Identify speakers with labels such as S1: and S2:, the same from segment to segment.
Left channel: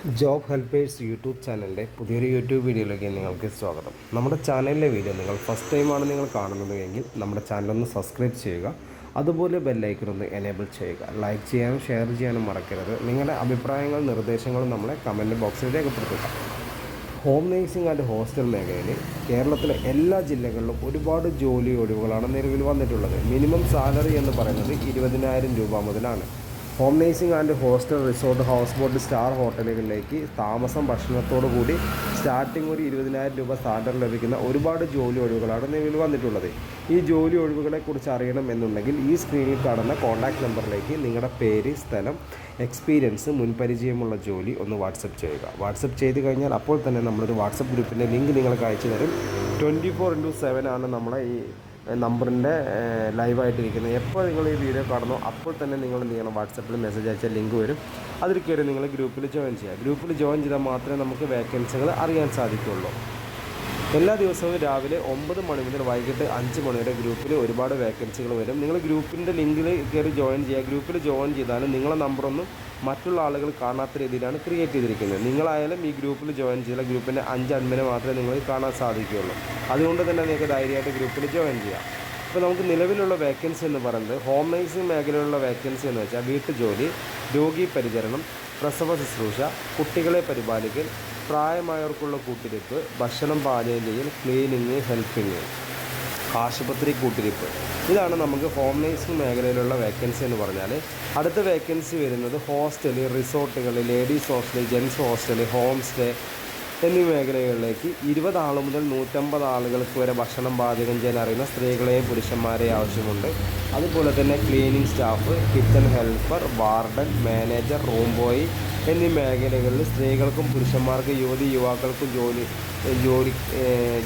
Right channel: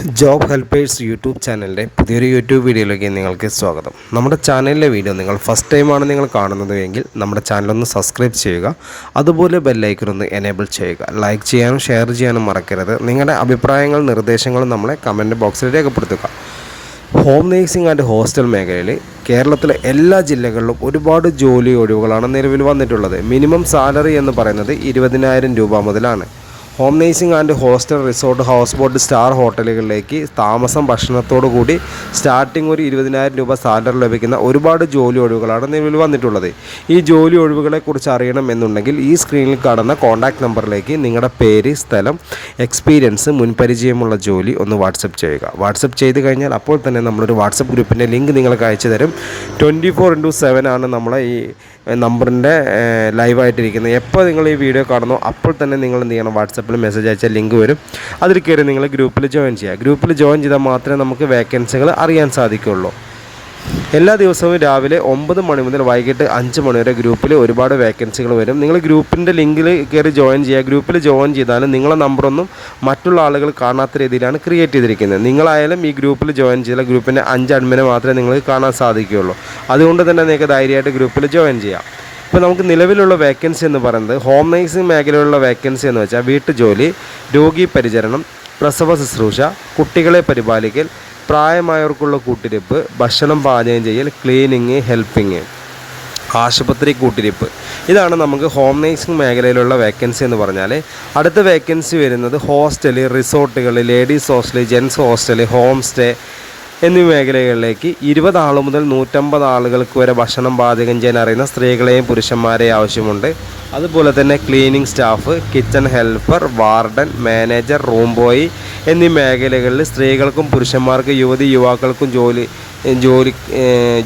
S1: Job helpers YouTube ചാനലിന്റെ പുതിയൊരു YouTube വീഡിയോയിലേക്ക് നിങ്ങൾക്ക് സ്വാഗതം. നമ്മുടെ ചാനലിലെ വീഡിയോ നിങ്ങൾ ഫസ്റ്റ് ടൈമാണ് നിങ്ങൾ കാണുന്നത് എങ്കിൽ നമ്മുടെ ചാനലൊന്ന് സബ്സ്ക്രൈബ് ചെയ്യുക. അതുപോലെ ബെല്ലൈക്കൺ ഒന്ന് എനേബിൾ ചെയ്യുക. ലൈക്ക് ചെയ്യാനും ഷെയർ ചെയ്യാനും മറക്കരുത്. നിങ്ങളുടെ അഭിപ്രായങ്ങളും നിർദ്ദേശങ്ങളും നമ്മളെ കമന്റ് ബോക്സിൽ രേഖപ്പെടുത്തുക. ഹോം നേഴ്സിംഗ് ആൻഡ് ഹോസ്റ്റൽ മേഖലയിൽ കേരളത്തിലെ എല്ലാ ജില്ലകളിലും ഒരുപാട് ജോലി ഒഴിവുകളാണ് നിലവിൽ വന്നിട്ടുള്ളത്. മിനിമം സാലറി എന്ന് പറയുന്നത് ഇരുപതിനായിരം രൂപ മുതലാണ്. Home nursing and hostel resort house boat star ഹോട്ടലുകളിലേക്ക് താമസം ഭക്ഷണത്തോടു കൂടി സ്റ്റാർട്ടിംഗ് ഒരു ഇരുപതിനായിരം രൂപ സാലറി ലഭിക്കുന്ന ഒരുപാട് ജോലി ഒഴിവുകളാണ് നിലവിൽ വന്നിട്ടുള്ളത്. ഈ ജോലി ഒഴിവുകളെക്കുറിച്ച് കുറിച്ച് അറിയണമെന്നുണ്ടെങ്കിൽ ഈ സ്ക്രീനിൽ കാണുന്ന കോൺടാക്ട് നമ്പറിലേക്ക് നിങ്ങളുടെ പേര് സ്ഥലം എക്സ്പീരിയൻസ് മുൻപരിചയമുള്ള ജോലി ഒന്ന് വാട്സപ്പ് ചെയ്യുക. വാട്സപ്പ് ചെയ്ത് കഴിഞ്ഞാൽ അപ്പോൾ തന്നെ നമ്മളൊരു വാട്സപ്പ് ഗ്രൂപ്പിന്റെ ലിങ്ക് നിങ്ങൾക്ക് അയച്ചു തരും ട്വന്റി ഫോർ ഇന്റു സെവൻ ആണ് നമ്മളെ ഈ നമ്പറിന്റെ ലൈവായിട്ടിരിക്കുന്നത് എപ്പോൾ നിങ്ങൾ ഈ വീഡിയോ കാണുന്നോ അപ്പോൾ തന്നെ നിങ്ങൾ എന്ത് ചെയ്യണം? വാട്സപ്പിൽ മെസ്സേജ് അയച്ചാൽ ലിങ്ക് വരും. അതിൽ കയറി നിങ്ങൾ ഗ്രൂപ്പിൽ ജോയിൻ ചെയ്യുക ഗ്രൂപ്പിൽ ജോയിൻ ചെയ്താൽ മാത്രമേ നമുക്ക് വേക്കൻസികൾ അറിയാൻ സാധിക്കുകയുള്ളൂ എല്ലാ ദിവസവും രാവിലെ ഒമ്പത് മണി മുതൽ വൈകിട്ട് അഞ്ച് മണി വരെ ഗ്രൂപ്പിൽ ഒരുപാട് വേക്കൻസികൾ വരും. നിങ്ങൾ ഗ്രൂപ്പിന്റെ ലിങ്കിൽ കയറി ജോയിൻ ചെയ്യുക. ഗ്രൂപ്പിൽ ജോയിൻ ചെയ്താലും നിങ്ങളെ നമ്പറൊന്നും മറ്റുള്ള ആളുകൾ കാണാത്ത രീതിയിലാണ് ക്രിയേറ്റ് ചെയ്തിരിക്കുന്നത്. നിങ്ങളായാലും ഈ ഗ്രൂപ്പിൽ ജോയിൻ ചെയ്താൽ ഗ്രൂപ്പിന്റെ അഞ്ച് അഡ്മിനെ മാത്രമേ നിങ്ങൾക്ക് കാണാൻ സാധിക്കുകയുള്ളൂ. അതുകൊണ്ട് തന്നെ നിങ്ങൾക്ക് ധൈര്യമായിട്ട് ഗ്രൂപ്പിൽ ജോയിൻ ചെയ്യാം. ഇപ്പോൾ നമുക്ക് നിലവിലുള്ള വേക്കൻസി എന്ന് പറയുന്നത് ഹോം നേഴ്സിംഗ് മേഖലയിലുള്ള വേക്കൻസി എന്ന് വെച്ചാൽ വീട്ടുജോലി രോഗി പരിചരണം പ്രസവ ശുശ്രൂഷ കുട്ടികളെ പരിപാലിക്കൽ പ്രായമായവർക്കുള്ള കൂട്ടിരിപ്പ് ഭക്ഷണം പാചകം ചെയ്യൽ ക്ലീനിങ് ഹെൽപ്പിങ് ആശുപത്രി കൂട്ടിരിപ്പ്. ഇതാണ് നമുക്ക് ഹോം നേഴ്സിംഗ് മേഖലയിലുള്ള വേക്കൻസി എന്ന് പറഞ്ഞാൽ അടുത്ത വേക്കൻസി വരുന്നത് ഹോസ്റ്റൽ റിസോർട്ടുകൾ ladies hostel gents hostel home stay എന്നീ മേഖലകളിലേക്ക് ഇരുപത് ആൾ മുതൽ നൂറ്റമ്പത് ആളുകൾക്ക് വരെ ഭക്ഷണം പാചകം ചെയ്യാൻ അറിയുന്ന സ്ത്രീകളെയും പുരുഷന്മാരെയും ആവശ്യമുണ്ട്. അതുപോലെ തന്നെ cleaning staff kitchen helper warden manager room boy എന്നീ മേഖലകളിൽ സ്ത്രീകൾക്കും പുരുഷന്മാർക്കും യുവതി യുവാക്കൾക്കും ജോലി ജോലി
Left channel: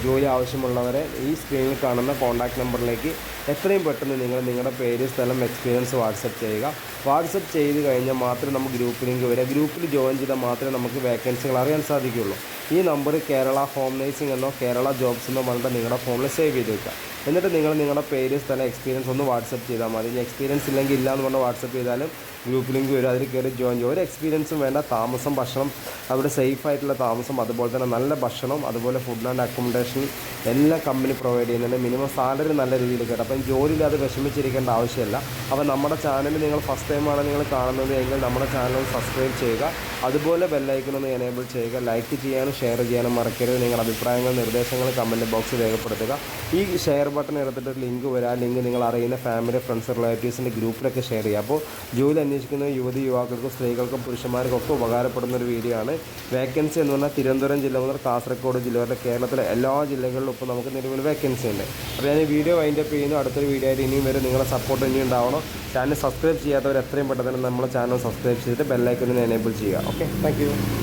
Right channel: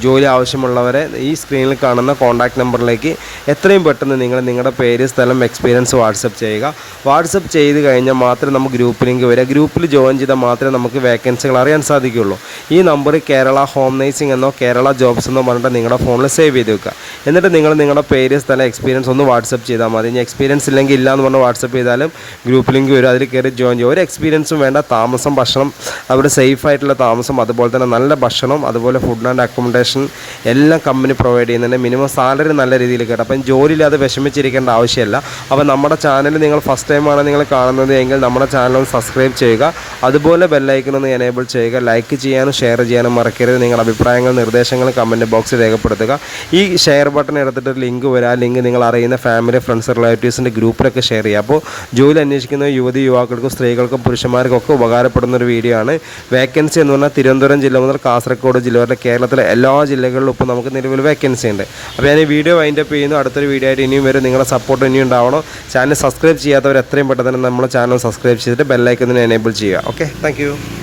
S1: ജോലി ആവശ്യമുള്ളവരെ ഈ സ്ക്രീനിൽ കാണുന്ന കോൺടാക്ട് നമ്പറിലേക്ക് എത്രയും പെട്ടെന്ന് നിങ്ങൾ നിങ്ങളുടെ പേര് സ്ഥലം എക്സ്പീരിയൻസ് വാട്സപ്പ് ചെയ്യുക. വാട്സപ്പ് ചെയ്ത് കഴിഞ്ഞാൽ മാത്രമേ നമുക്ക് ലിങ്ക് വരിക. ഗ്രൂപ്പിൽ ജോയിൻ ചെയ്താൽ മാത്രമേ നമുക്ക് വേക്കൻസികൾ അറിയാൻ സാധിക്കുകയുള്ളൂ. ഈ നമ്പർ കേരള ഹോം നേഴ്സിംഗ് എന്നോ കേരള ജോബ്സ് എന്നോ പറഞ്ഞിട്ട് നിങ്ങളുടെ ഫോണിൽ സേവ് ചെയ്ത് വെക്കുക. എന്നിട്ട് നിങ്ങൾ നിങ്ങളുടെ പേര് സ്ഥലം എക്സ്പീരിയൻസ് ഒന്ന് വാട്സപ്പ് ചെയ്താൽ മതി. ഇനി എക്സ്പീരിയൻസ് ഇല്ലെങ്കിൽ ഇല്ല എന്ന് പറഞ്ഞ് വാട്സപ്പ് ചെയ്താലും ഗ്രൂപ്പ് ലിങ്ക് വരും. അതിൽ കയറി ജോയിൻ ചെയ്യും ഒരു എക്സ്പീരിയൻസും വേണ്ട. താമസം ഭക്ഷണം അവിടെ സേഫ് ആയിട്ടുള്ള താമസം അതുപോലെ തന്നെ നല്ല ഭക്ഷണം അതുപോലെ ഫുഡ് ആൻഡ് അക്കോമഡേഷൻ എല്ലാം കമ്പനി പ്രൊവൈഡ് ചെയ്യുന്നുണ്ട്. മിനിമം സാലറി നല്ല രീതിയിൽ കിട്ടും. അപ്പം ജോലിയില്ലാതെ വിഷമിച്ചിരിക്കേണ്ട ആവശ്യമില്ല. അപ്പോൾ നമ്മുടെ ചാനൽ നിങ്ങൾ ഫസ്റ്റ് ടൈമാണ് നിങ്ങൾ കാണുന്നത് എങ്കിൽ നമ്മുടെ ചാനൽ ഒന്ന് സബ്സ്ക്രൈബ് ചെയ്യുക. അതുപോലെ ബെല്ലൈക്കൺ ഒന്ന് എനേബിൾ ചെയ്യുക. ലൈക്ക് ചെയ്യാനും ഷെയർ ചെയ്യാനും മറക്കരുത്. നിങ്ങളുടെ അഭിപ്രായങ്ങൾ നിർദ്ദേശങ്ങൾ കമന്റ് ബോക്സിൽ രേഖപ്പെടുത്തുക. ഈ ഷെയർ ബട്ടൺ എടുത്തിട്ട് ലിങ്ക് വരാം ആ ലിങ്ക് നിങ്ങൾ അറിയുന്ന ഫാമിലി ഫ്രണ്ട്സ് റിലേറ്റീവ്സിന്റെ ഗ്രൂപ്പിലൊക്കെ ഷെയർ ചെയ്യുക. അപ്പോൾ ജോലി അന്വേഷിക്കുന്ന യുവതി യുവാക്കൾക്കും സ്ത്രീകൾക്കും പുരുഷന്മാർക്കും ഒക്കെ ഉപകാരപ്പെടുന്ന ഒരു വീഡിയോ ആണ്. വേക്കൻസി എന്ന് പറഞ്ഞാൽ തിരുവനന്തപുരം ജില്ല മുതൽ കാസർഗോഡ് ജില്ല വരെ കേരളത്തിലെ എല്ലാ ജില്ലകളിലും ഇപ്പോൾ നമുക്ക് നിലവിൽ വേക്കൻസി ഉണ്ട്. അപ്പോൾ ഞാൻ ഈ വീഡിയോ വൈൻഡപ്പ് ചെയ്യുന്നു. അടുത്തൊരു വീഡിയോ ആയിട്ട് ഇനിയും വരും. നിങ്ങളുടെ സപ്പോർട്ട് ഇനിയും ഉണ്ടാവണം. ചാനൽ സബ്സ്ക്രൈബ് ചെയ്യാത്തവർ എത്രയും പെട്ടെന്ന് തന്നെ നമ്മുടെ ചാനൽ സബ്സ്ക്രൈബ് ചെയ്തിട്ട് ബെല്ലൈക്കതിനെ എനേബിൾ ചെയ്യുക. Okay thank